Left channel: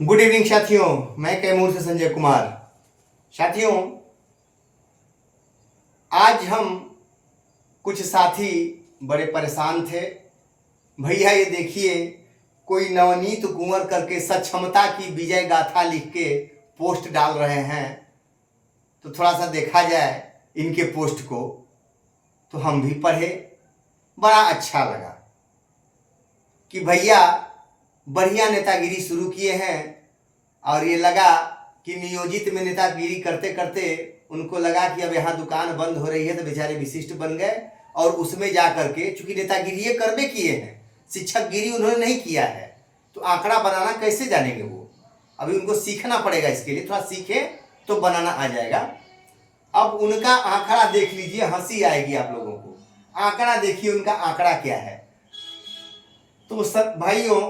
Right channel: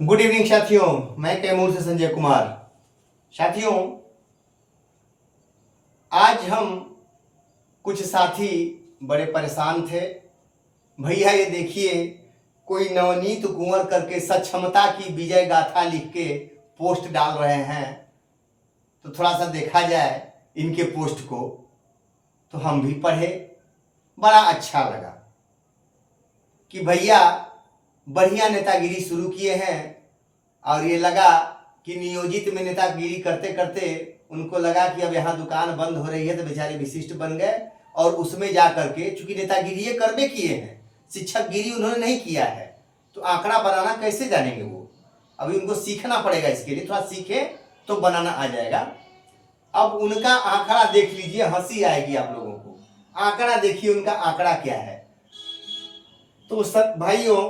Good evening साथियों, मैं कैमूर से संजय कुमार। साथियों, आज हम कुछ साथी बड़े परेशान थे। भैया ये देखिए, कोई नवनीत कुंवर करके सक्षमता की विजय गाथा लिख के पोस्ट डाल रहे हैं। तो थोड़ा सा देखा जाए इनके पोस्ट को, तो हम भी पढ़े, बड़ा अच्छा लगा कि भैया बढ़िया नेतागिरी शुरू किए हैं। और ये लगा कि नियोजित में नेतागिरी करते करते उनको लगा कि अब यहाँ दुकान बंद हो रही है, तो बेचारे विशिष्ट बन गए और उसमें जा करके, चूंकि नेतागिरी ये कर्मे किए हैं, शिक्षक गिरी उन्होंने नहीं किया है, तो आंकड़ा बनाना कैसे जानेंगे वो। अभी उनको सीखना पड़ेगा, इसके लिए थोड़ा सीखे तो बनाना आ जाएगा। अब उनका आंकड़ा देख लीजिए, हंसी आएगी आप लोगों को। आंकड़ा देखिए, उनका आंकड़ा क्या है। तो सब भाइयों,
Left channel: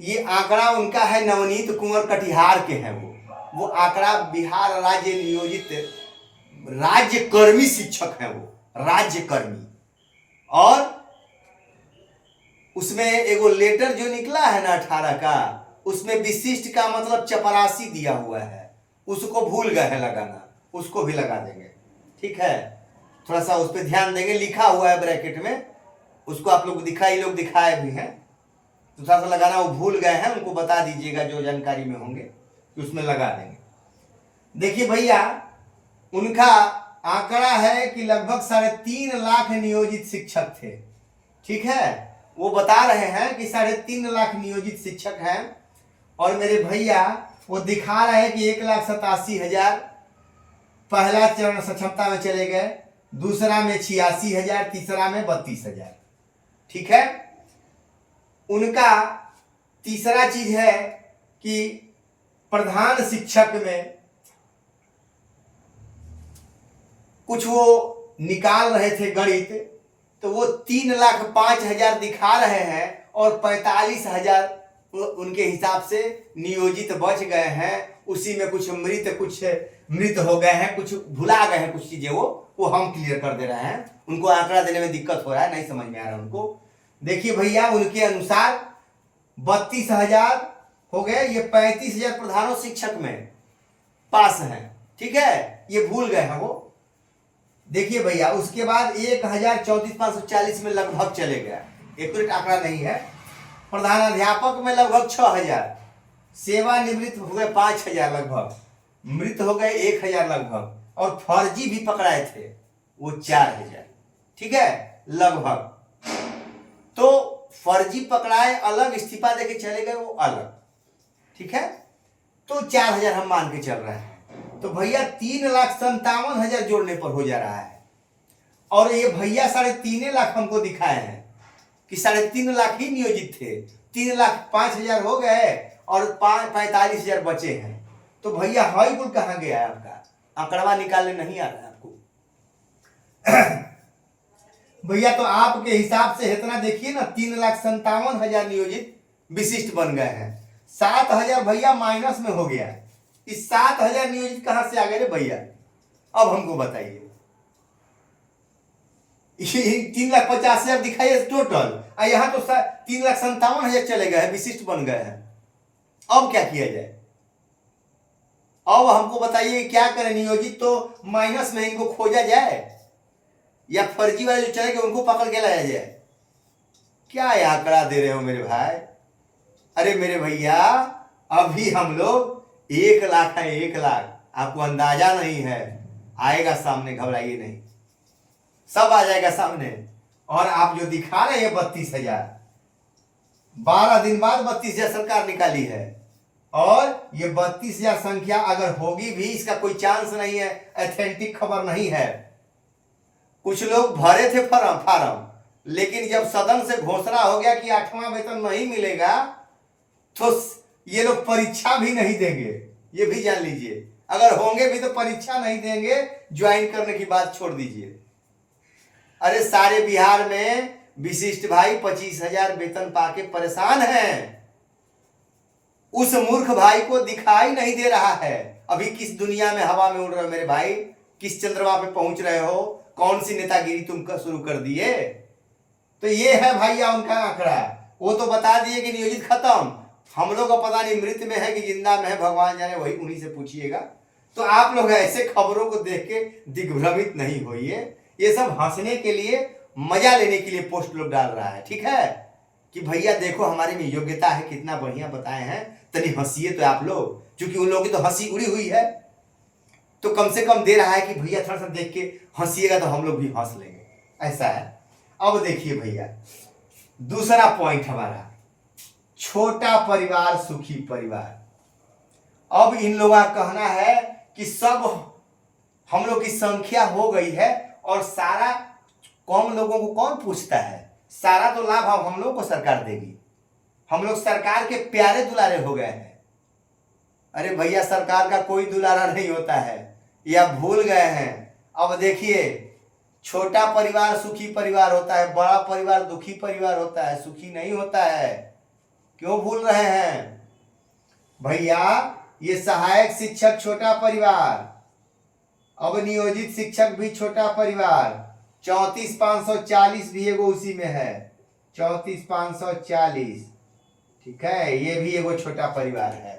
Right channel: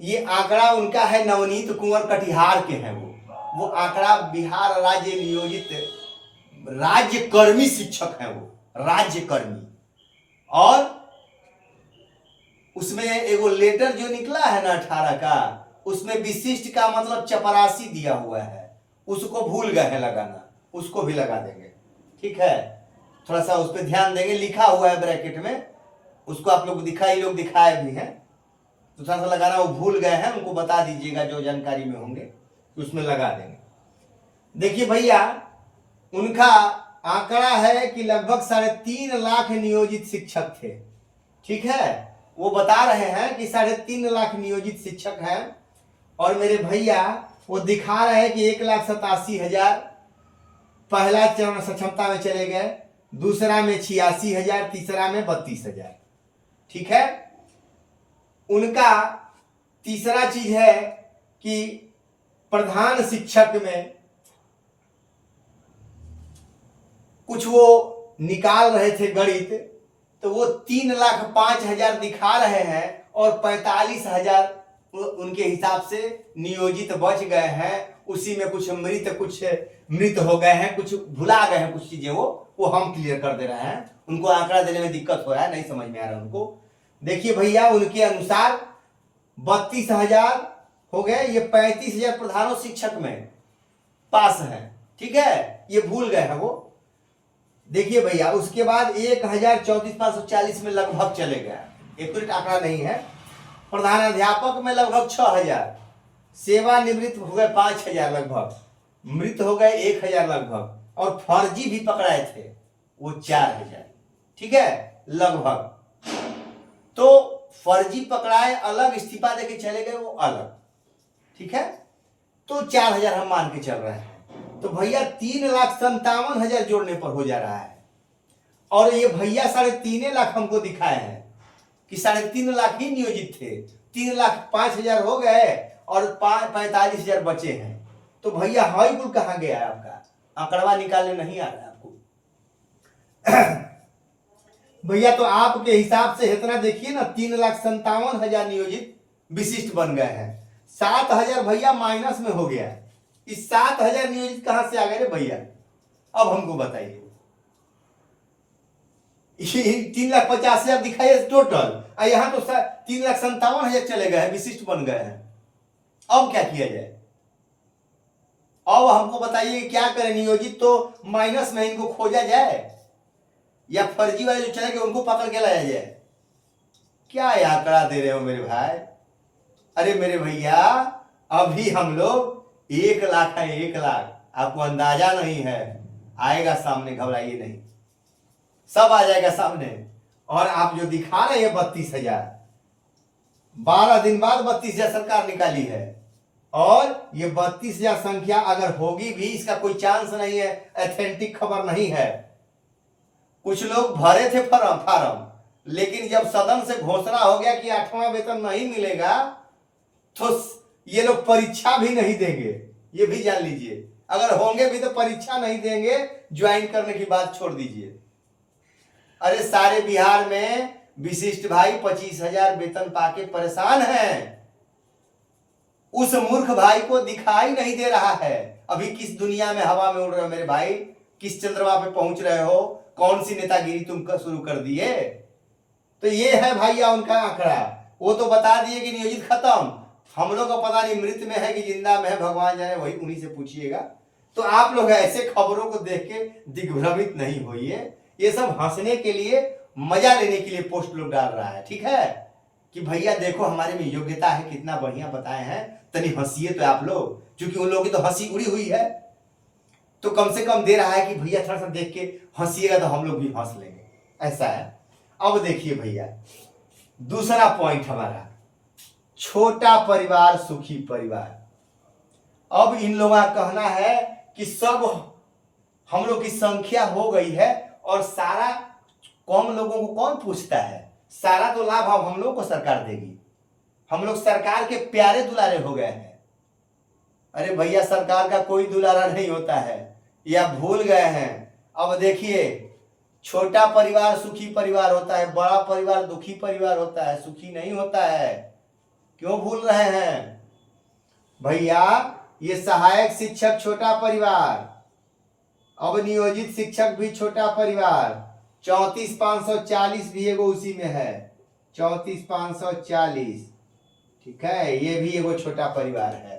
ये आंकड़ा उनका है, नवनीत कुंवर कटिहार के हैं वो आंकड़ा बिहार राज्य नियोजित राज्यकर्मी शिक्षक हैं, वो राज्यकर्मी। और उसमें एगो लेटर जो निकला है ना 18 का, उसमें विशिष्ट का मतलब चपरासी दिया हुआ है, उसको भूल गए हैं लगाना, उसको भी लगा देंगे, ठीक है। थोड़ा सा उस पर ध्यान देंगे, लिखा हुआ है ब्रैकेट में, उसको आप लोग दिखाए भी हैं, तो थोड़ा सा लगाना वो भूल गए हैं, उनको बता दीजिएगा जो जानकारी में होंगे, तो उसमें लगा देंगे। देखिए भैया, उनका आंकड़ा है कि लगभग 3.5 लाख नियोजित शिक्षक थे, ठीक है। वो बता रहे हैं कि 3.5 लाख नियोजित शिक्षक हैं। और मेरे भैया वो दिखा रहे हैं कि 1,87,000 पहला चरण सक्षमता में चले गए, दूसरा में 86,000, तीसरा में 32,000, ठीक है। उनका तीसरा चीज है कि प्रधान शिक्षक में कुछ वो निकाल रहे थे गणित, तो वो 3,05,000 दिखा रहे हैं और 45,000 उनके हिसाब से नियोजित बच गए हैं। उसी में कुछ मृत हो गए हैं, कुछ भुला गए हैं, कुछ चीजें वो हम क्लियर कर दे रहे हैं। उनको आंकड़ा देने में दिक्कत हो रहा है, नहीं समझ में आ रहा उनको। देखिए भैया, उनके अनुसार 32,000 हो गए, ये 35,000 प्रधानों शिक्षक में पास है, ठीक है, ये भूल गए हैं वो। देखिए भैया, उसके बाद 1,34,540 में लगभग चले गए, एक्यूरेट आंकड़ा नहीं है। प्रधान अध्यापक में लगभग 6,000, सेवानिवृत्त हो गए 5,000 लगभग, मृत हो गए 1,000 लगभग, और फर्जी भी पकड़ाए थे वो 4,000, ठीक है लगभग। तो फर्जी पकड़ाए अलग, इस्तीफा देके चले गए वो अलग, ठीक है। तो 4,000 हम मान के चल रहे हैं। तो भैया 3,57,000 जोड़ने पर हो जा रहा है। और ये भैया 3.5 लाख हमको दिखाए हैं कि 3.5 लाख ही नियोजित थे, 3,05,000 हो गए और 45,000 बचे हैं। तो भैया हाई गुल कहां गया है आपका, आंकड़वा निकालने नहीं आ रहा है आपको। भैया तो आपके हिसाब से इतना देखिए ना, 3,57,000 नियोजित विशिष्ट बन गए हैं। 7,000 भैया माइनस में हो गया। इस 7,000 नियोजित कहां से आ गए रे भैया, अब हमको बताइए। 3,50,000 दिखाइए टोटल, और यहां तो 3,57,000 चले गए हैं, विशिष्ट बन गए हैं। अब क्या किया जाए, अब हमको बताइए क्या करें। नियोजित तो माइनस में, इनको खोजा जाए या फर्जी वाले जो चले गए उनको पकड़ के लाया जाए। क्या आंकड़ा दे रहे हो मेरे भाई। अरे मेरे भैया, अभी हम लोग 1 लाख है, 1 लाख, आपको अंदाजा नहीं है, आएगा सामने, घबराइए नहीं, सब आ जाएगा सामने। और आप जो दिखा रहे हैं 32,000, 12 दिन बाद 32,000 सरकार निकाली है। और ये 32,000 संख्या अगर होगी भी, इसका कोई चांस नहीं है, ऑथेंटिक खबर नहीं है। कुछ लोग भरे थे फार्म, लेकिन जब सदन से घोषणा हो गया कि 8वां वेतन नहीं मिलेगा, तो ये लोग परीक्षा भी नहीं देंगे, ये भी जान लीजिए। अगर होंगे भी तो परीक्षा नहीं देंगे, ज्वाइन करने की बात छोड़ दीजिए। अरे सारे बिहार में विशिष्ट भाई 25,000 वेतन पाके परेशान हैं। उस मूर्ख भाई को दिखाई नहीं दे रहा है। अभी किस दुनिया में हवा में उड़ रहे हो मेरे भाई, किस चंद्रमा पे पहुंच रहे हो, कौन सी नेतागिरी तुम शुरू कर दिए। तो ये है भैया उनका आंकड़ा। वो तो बता दिए कि नियोजित खत्म, हम लोग का पता नहीं मृत में है कि जिंदा में है, भगवान जाने, वही उन्हीं से पूछिएगा। तो आप लोग ऐसे खबरों को देख के दिग्भ्रमित नहीं होइए। ये सब हंसने के लिए, मजा लेने के लिए पोस्ट लोग डाल रहा है, ठीक है, कि भैया देखो हमारे में योग्यता है, कितना बढ़िया बताए हैं, तनी हंसिए तो आप लोग, क्योंकि उन लोगों की तो हंसी उड़ी हुई है, तो कम से कम दे रहा है कि भैया थोड़ा सा देख के हंसिएगा तो हम लोग भी हंस लेंगे, ऐसा है। अब देखिए भैया, दूसरा पॉइंट हमारा, छोटा परिवार सुखी परिवार। अब इन लोगों का कहना है कि सब हम लोग की संख्या हो गई है और सारा कम लोगों को कौन पूछता है, सारा तो लाभ अब हम लोग को सरकार देगी, हम लोग सरकार के प्यारे दुलारे हो गए हैं। अरे भैया, सरकार का कोई दुलारा नहीं होता है, ये आप भूल गए हैं। अब देखिए, छोटा परिवार सुखी परिवार होता है, बड़ा परिवार दुखी परिवार होता है, सुखी नहीं होता है। क्यों भूल रहे हैं भैया? ये सहायक शिक्षक छोटा परिवार, अब नियोजित शिक्षक भी छोटा परिवार, 34,540 भी एगो उसी में है, 34,540, ठीक है, ये भी एगो छोटा परिवार है।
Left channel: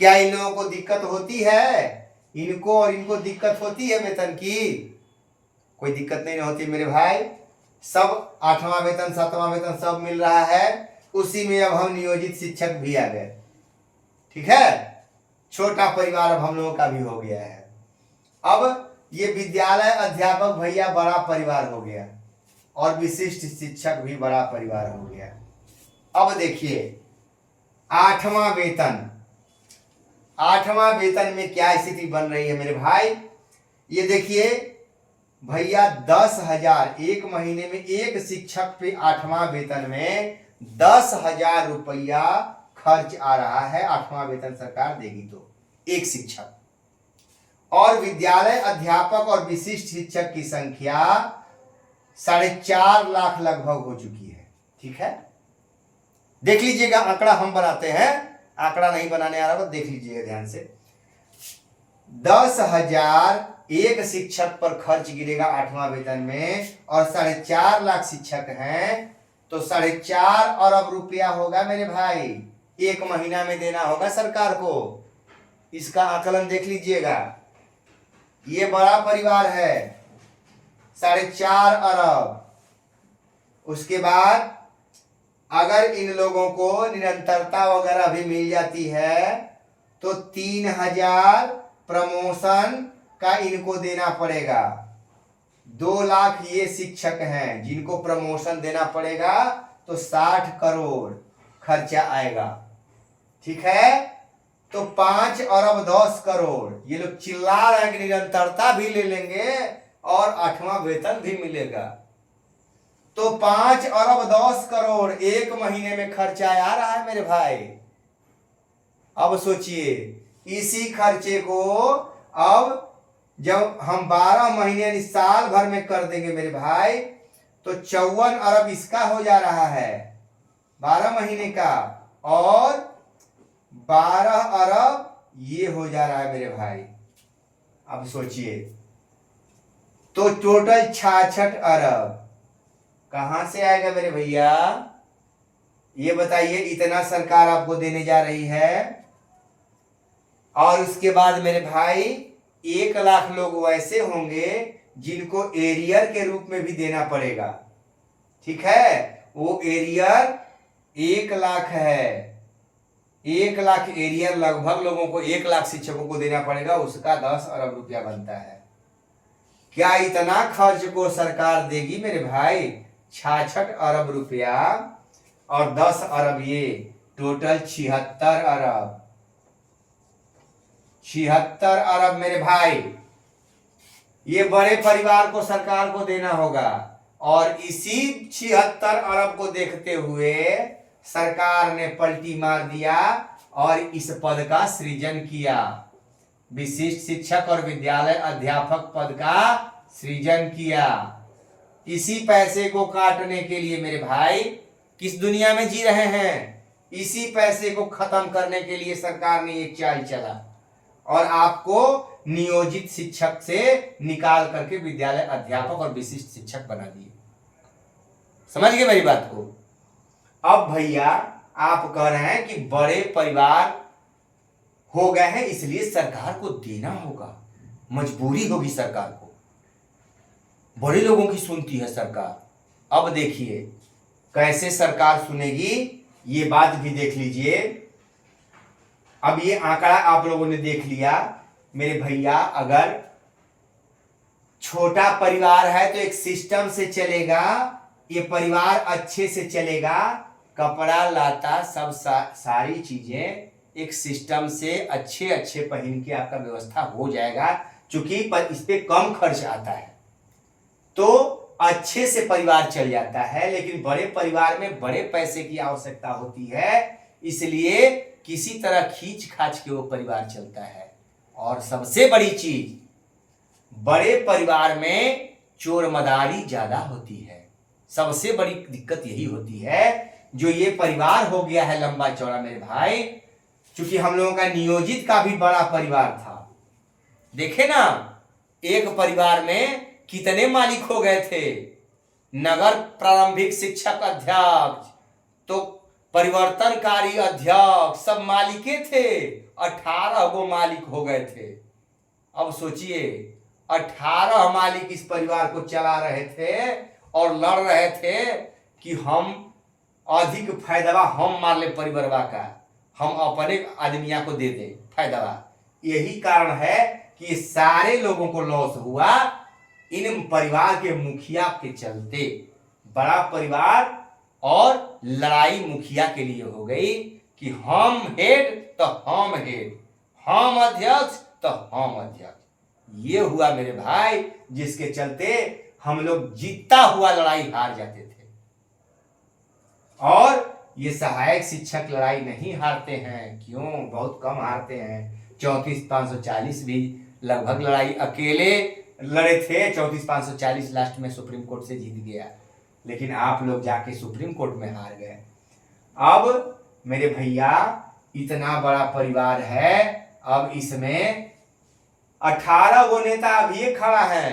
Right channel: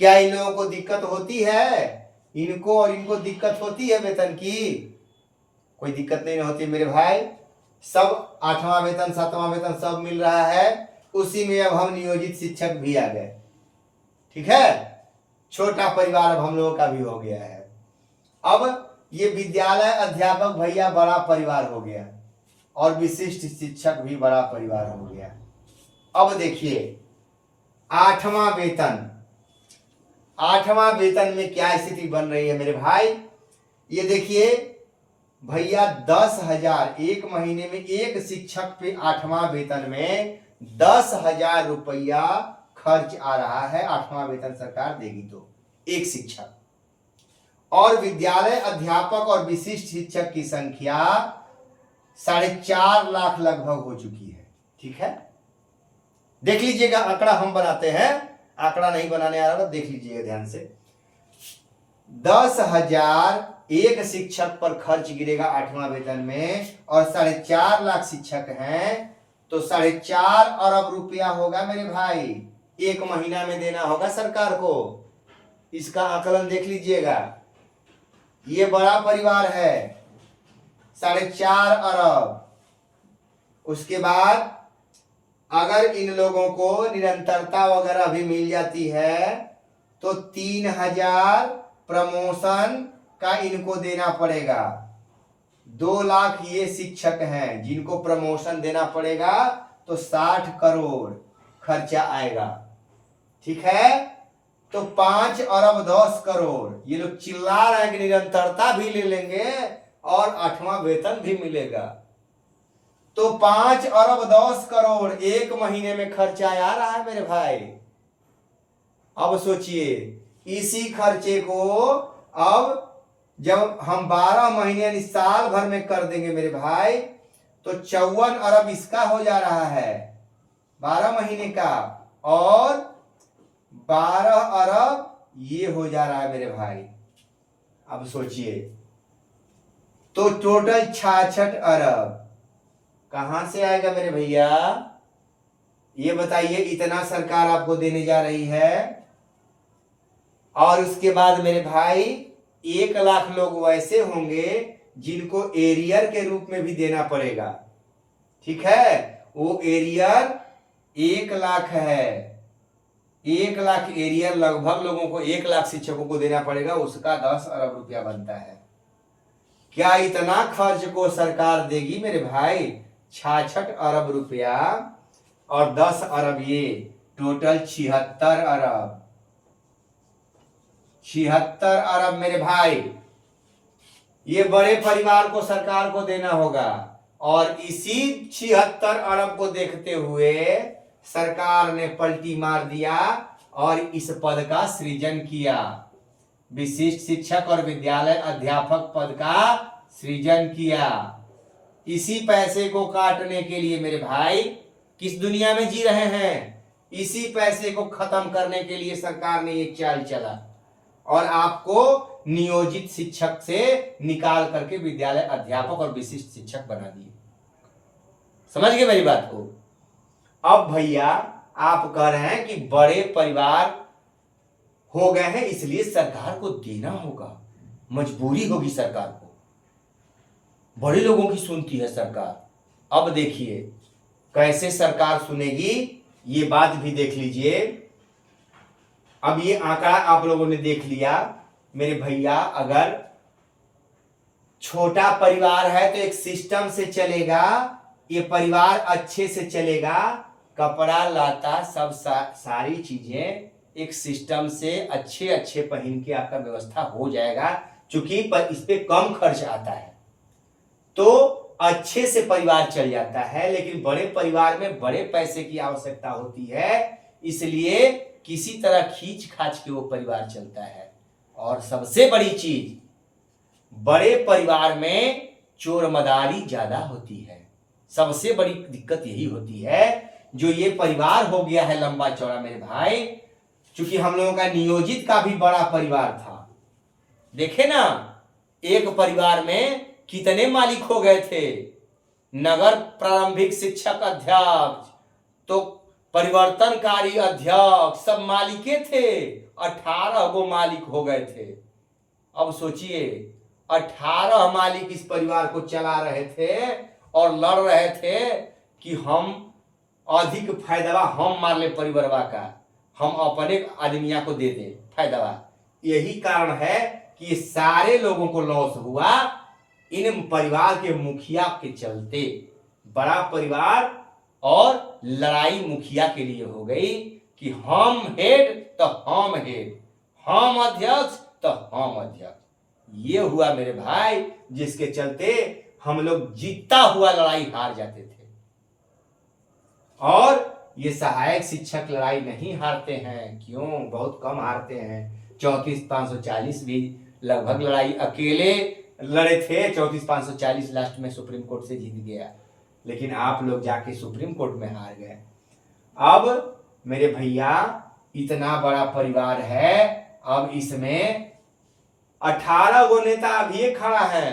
क्या इन लोगों को दिक्कत होती है? इनको और इनको दिक्कत होती है वेतन की? कोई दिक्कत नहीं होती मेरे भाई, सब 8वां वेतन 7वां वेतन सब मिल रहा है, उसी में अब हम नियोजित शिक्षक भी आ गए, ठीक है, छोटा परिवार अब हम लोगों का भी हो गया है। अब ये विद्यालय अध्यापक भैया बड़ा परिवार हो गया, और विशिष्ट शिक्षक भी बड़ा परिवार हो गया। अब देखिए 8वां वेतन, 8वां वेतन में क्या स्थिति बन रही है मेरे भाई? ये देखिए भैया, 10,000 एक महीने में एक शिक्षक पे 8वां वेतन में 10,000 रुपया खर्च आ रहा है। 8वां वेतन सरकार देगी तो एक शिक्षक, और विद्यालय अध्यापक और विशिष्ट शिक्षक की संख्या 4.5 लाख लगभग हो चुकी है, ठीक है। देख लीजिएगा, आंकड़ा हम बनाते हैं, आंकड़ा नहीं बनाने आ रहा, देख लीजिएगा ध्यान से। 10,000 एक शिक्षक पर खर्च गिरेगा 8वां वेतन में, और 4.5 लाख शिक्षक हैं, तो 4.5 अरब रुपया होगा मेरे भाई, एक महीना में देना होगा सरकार को। इसका आकलन देख लीजिएगा, ये बड़ा परिवार है, 4.5 अरब। उसके बाद अगर इन लोगों को निरंतरता वगैरह भी मिल जाती है तो 3,000 प्रमोशन का इनको देना पड़ेगा। 2 लाख ये शिक्षक हैं जिनको प्रमोशन देना पड़ेगा, तो 60 करोड़ खर्चा आएगा, ठीक है। तो 5 अरब 10 करोड़, ये लोग चिल्ला रहे हैं कि निरंतरता भी ले लेंगे और 8वां वेतन भी मिलेगा, तो 5 अरब 10 करोड़ एक महीने में खर्चा आ रहा है मेरे भाई। अब सोचिए, इसी खर्चे को अब जब हम 12 महीने यानी साल भर में कर देंगे मेरे भाई, तो 54 अरब इसका हो जा रहा है 12 महीने का, और 12 अरब ये हो जा रहा है मेरे भाई। अब सोचिए, तो टोटल 66 अरब कहां से आएगा मेरे भैया? ये बताइए, इतना सरकार आपको देने जा रही है। और उसके बाद मेरे भाई 1 लाख लोग वैसे होंगे जिनको एरियर के रूप में भी देना पड़ेगा, ठीक है। वो एरियर 1 लाख है, 1 लाख एरियर लगभग लोगों को, 1 लाख शिक्षकों को देना पड़ेगा, उसका 10 अरब रुपया बनता है। क्या इतना खर्च को सरकार देगी मेरे भाई? 66 अरब रुपया और 10 अरब, ये टोटल 76 अरब, 76 अरब मेरे भाई। ये बड़े परिवार को सरकार को देना होगा, और इसी 76 अरब को देखते हुए सरकार ने पलटी मार दिया और इस पद का सृजन किया, विशिष्ट शिक्षक और विद्यालय अध्यापक पद का सृजन किया। इसी पैसे को काटने के लिए मेरे भाई किस दुनिया में जी रहे हैं? इसी पैसे को खत्म करने के लिए सरकार ने एक चाल चला और आपको नियोजित शिक्षक से निकाल करके विद्यालय अध्यापक और विशिष्ट शिक्षक बना दिए। समझ गए मेरी बात को? अब भैया आप कह रहे हैं कि बड़े परिवार हो गए हैं इसलिए सरकार को देना होगा, मजबूरी होगी सरकार को, बड़े लोगों की सुनती है सरकार। अब देखिए कैसे सरकार सुनेगी, ये बात भी देख लीजिए। अब ये आंकड़ा आप लोगों ने देख लिया मेरे भैया, अगर छोटा परिवार है तो एक सिस्टम से चलेगा, ये परिवार अच्छे से चलेगा, कपड़ा लाता सब सारी चीजें एक सिस्टम से अच्छे अच्छे पहन के आपका व्यवस्था हो जाएगा, चूंकि इस पे कम खर्च आता है तो अच्छे से परिवार चल जाता है। लेकिन बड़े परिवार में बड़े पैसे की आवश्यकता होती है, इसलिए किसी तरह खींच खाच के वो परिवार चलता है। और सबसे बड़ी चीज, बड़े परिवार में चोर मदारी ज्यादा होती है, सबसे बड़ी दिक्कत यही होती है। जो ये परिवार हो गया है लंबा चौड़ा मेरे भाई, चूंकि हम लोगों का नियोजित का भी बड़ा परिवार था, देखे ना एक परिवार में कितने मालिक हो गए थे, नगर प्रारंभिक शिक्षक अध्यक्ष तो परिवर्तनकारी अध्यक्ष सब मालिके थे, 18 गो मालिक हो गए थे। अब सोचिए 18 मालिक इस परिवार को चला रहे थे और लड़ रहे थे कि हम अधिक फायदा हम मार ले परिवारवा का, हम अपने आदमिया को दे दे फायदा। यही कारण है कि सारे लोगों को लॉस हुआ इन परिवार के मुखिया के चलते। बड़ा परिवार और लड़ाई मुखिया के लिए हो गई कि हम हेड तो हम हेड, हम अध्यक्ष तो हम अध्यक्ष। ये हुआ मेरे भाई, जिसके चलते हम लोग जीतता हुआ लड़ाई हार जाते थे। और ये सहायक शिक्षक लड़ाई नहीं हारते हैं, क्यों? बहुत कम हारते हैं। 34,540 भी लगभग लड़ाई अकेले लड़े थे, 34,540 लास्ट में सुप्रीम कोर्ट से जीत गया। लेकिन आप लोग जाके सुप्रीम कोर्ट में हार गए। अब मेरे भैया इतना बड़ा परिवार है, अब इसमें 18 गो नेता अभी खड़ा है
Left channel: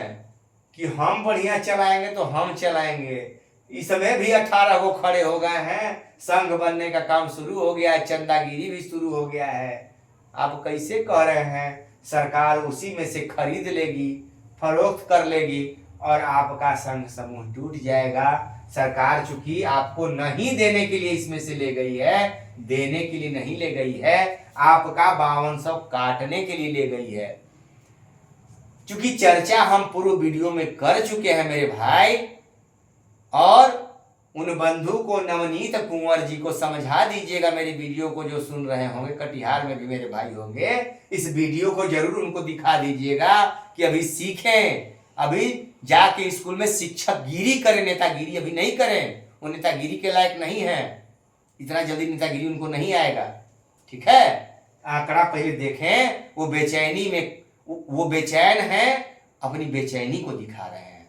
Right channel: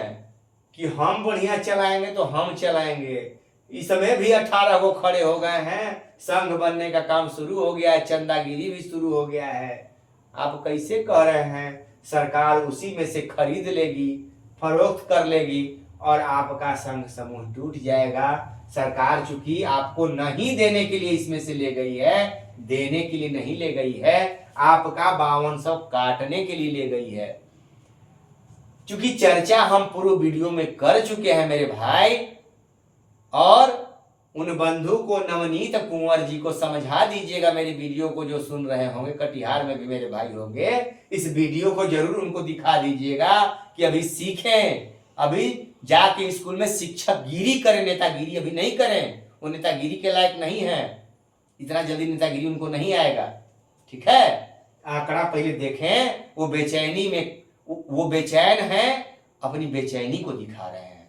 कि हम बढ़िया चलाएंगे तो हम चलाएंगे। इसमें भी 18 गो खड़े हो गए हैं, संघ बनने का काम शुरू हो गया है, चंदागिरी भी शुरू हो गया है। आप कैसे कह रहे हैं सरकार उसी में से खरीद लेगी, फरोख्त कर लेगी और आपका संघ समूह टूट जाएगा? सरकार चूंकि आपको नहीं देने के लिए इसमें से ले गई है, देने के लिए नहीं ले गई है, आपका 5200 काटने के लिए ले गई है। चूंकि चर्चा हम पूर्व वीडियो में कर चुके हैं मेरे भाई, और उन बंधु को नवनीत कुंवर जी को समझा दीजिएगा, मेरी वीडियो को जो सुन रहे होंगे, कटिहार में भी मेरे भाई होंगे, इस वीडियो को जरूर उनको दिखा दीजिएगा कि अभी सीखें, अभी जाके स्कूल में शिक्षक गिरी करें, नेतागिरी अभी नहीं करें। वो नेतागिरी के लायक नहीं है, इतना जल्दी नेतागिरी उनको नहीं आएगा। ठीक है, आंकड़ा पहले देखें। वो बेचैनी में, वो बेचैन है, अपनी बेचैनी को दिखा रहे हैं।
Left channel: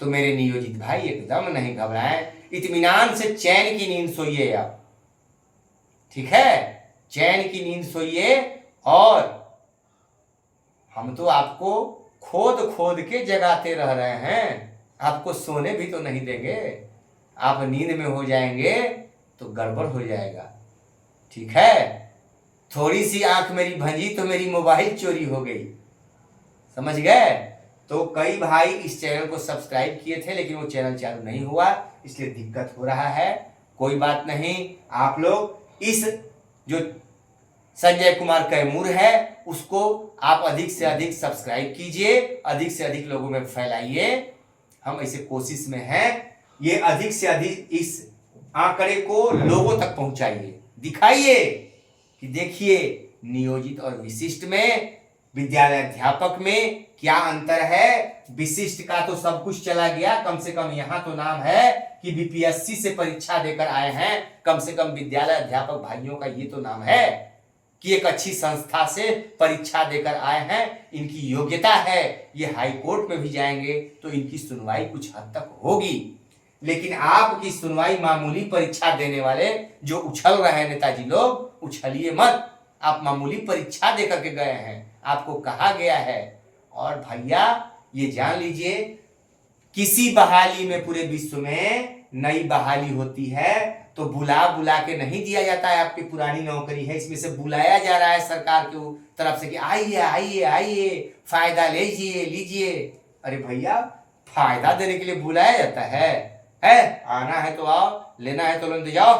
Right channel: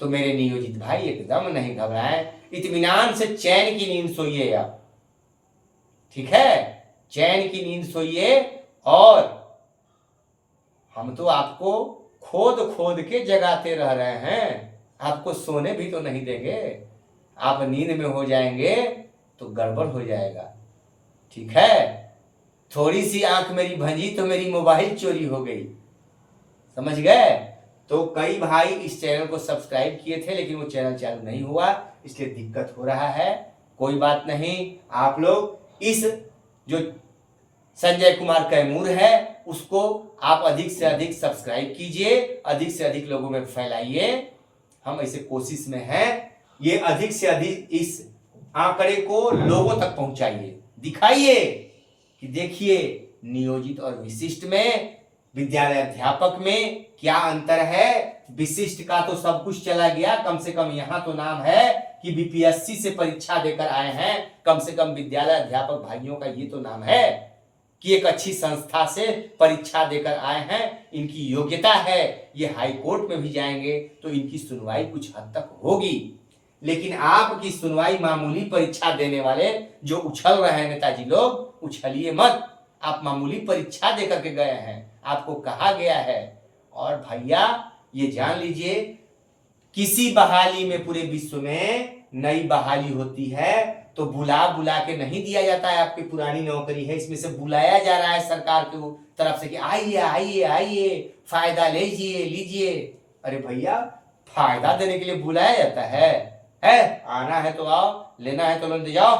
तो मेरे नियोजित भाई एकदम नहीं घबराएं, इत्मीनान से चैन की नींद सोइए आप। ठीक है, चैन की नींद सोइए। और हम तो आपको खोद खोद के जगाते रह रहे हैं, आपको सोने भी तो नहीं देंगे। आप नींद में हो जाएंगे तो गड़बड़ हो जाएगा। ठीक है, थोड़ी सी आंख मेरी भंजी तो मेरी मोबाइल चोरी हो गई, समझ गए? तो कई भाई इस चैनल को सब्सक्राइब किए थे लेकिन वो चैनल चालू नहीं हुआ, इसलिए दिक्कत हो रहा है। कोई बात नहीं, आप लोग इस जो संजय कुमार कैमूर है उसको आप अधिक से अधिक सब्सक्राइब कीजिए, अधिक से अधिक लोगों में फैलाइए। हम ऐसे कोशिश में हैं, ये अधिक से अधिक इस आंकड़े को लोगों तक पहुंचाइए, दिखाइए कि देखिए नियोजित और विशिष्ट में, विद्यालय अध्यापक में क्या अंतर है। विशिष्ट का तो सब कुछ चला गया, कम से कम यहाँ तो नाम है कि बीपीएससी से परीक्षा देकर आए हैं, कम से कम विद्यालय अध्यापक भाइयों का ये तो नाम है कि एक अच्छी संस्था से परीक्षा देकर आए हैं, इनकी योग्यता है, ये हाई कोर्ट में भी जाएंगे तो इनकी सुनवाई कुछ हद तक होगी। लेकिन आपकी सुनवाई मामूली परीक्षा देने वाले जो उछल रहे हैं नेताजी लोग, उछलिए मत। आप मामूली परीक्षा देकर के गए हैं, आपको कहा गया है। और भैया ये जान लीजिए, किसी बहाली में पूरे विश्व में नई बहाली होती है तो बुला बुला के नहीं दिया जाता है। आपकी पुरानी नौकरी है, इसमें से बुलाया जा रहा है सरकार की तरफ से कि आइए आइए आइए, फायदा लीजिए लीजिए। अरे भैया, फायदा देने के लिए बुलाया जाता है? आना है तो आओ, लेना है तो लेते जाओ।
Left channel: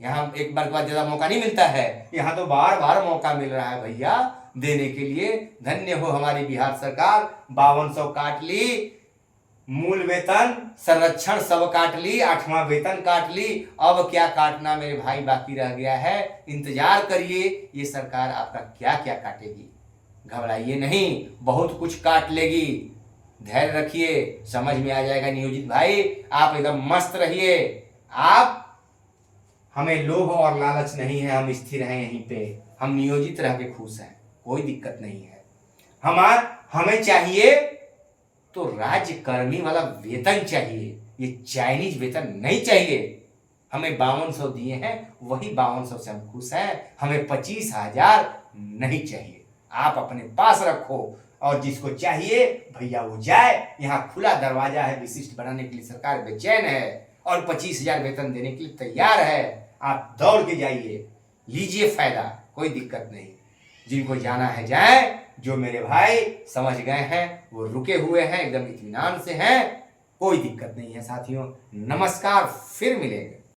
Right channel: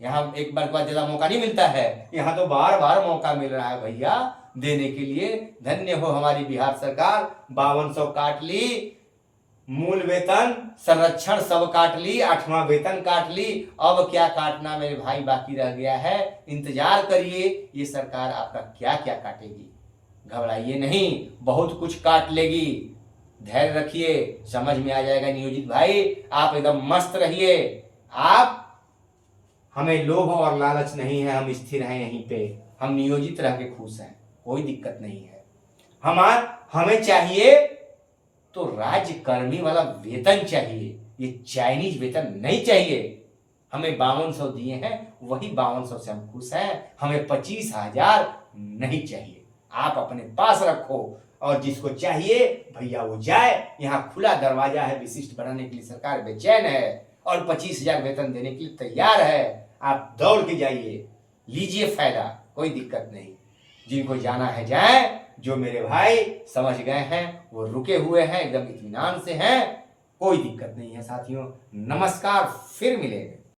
यहाँ एक बार के बाद ज्यादा मौका नहीं मिलता है, यहाँ तो बार बार मौका मिल रहा है भैया देने के लिए। धन्य हो हमारी बिहार सरकार, 5200 काट ली, मूल वेतन संरक्षण सब काट ली, 8वां वेतन काट ली। अब क्या काटना मेरे भाई बाकी रह गया है? इंतजार करिए, ये सरकार आपका क्या क्या काटेगी। घबराइए नहीं, बहुत कुछ काट लेगी। धैर्य रखिए, समझ में आ जाएगा नियोजित भाई। आप एकदम मस्त रहिए। आप, हमें लोभ और लालच नहीं है, हम स्थिर हैं यहीं पे, हम नियोजित रह के खुश हैं, कोई दिक्कत नहीं है। हमें चाहिए तो राज्यकर्मी वाला वेतन चाहिए, ये चाइनीज वेतन नहीं चाहिए। हमें 5200 दिए हैं, वही 5200 से हम खुश हैं। हमें 25,000 नहीं चाहिए। आप अपने पास रखो, और जिसको चाहिए भैया वो जाए। यहाँ खुला दरवाजा है, विशिष्ट बनाने के लिए सरकार बेचैन है और 25,000 वेतन देने के लिए तैयार है। आप दौड़ के जाइए, लीजिए फायदा, कोई दिक्कत नहीं। जिनको जाना है जाए, जो मेरे भाई समझ गए हैं वो रुके हुए हैं, एकदम इत्मीनान से हैं, कोई दिक्कत नहीं है साथियों। नमस्कार, फिर मिलेंगे।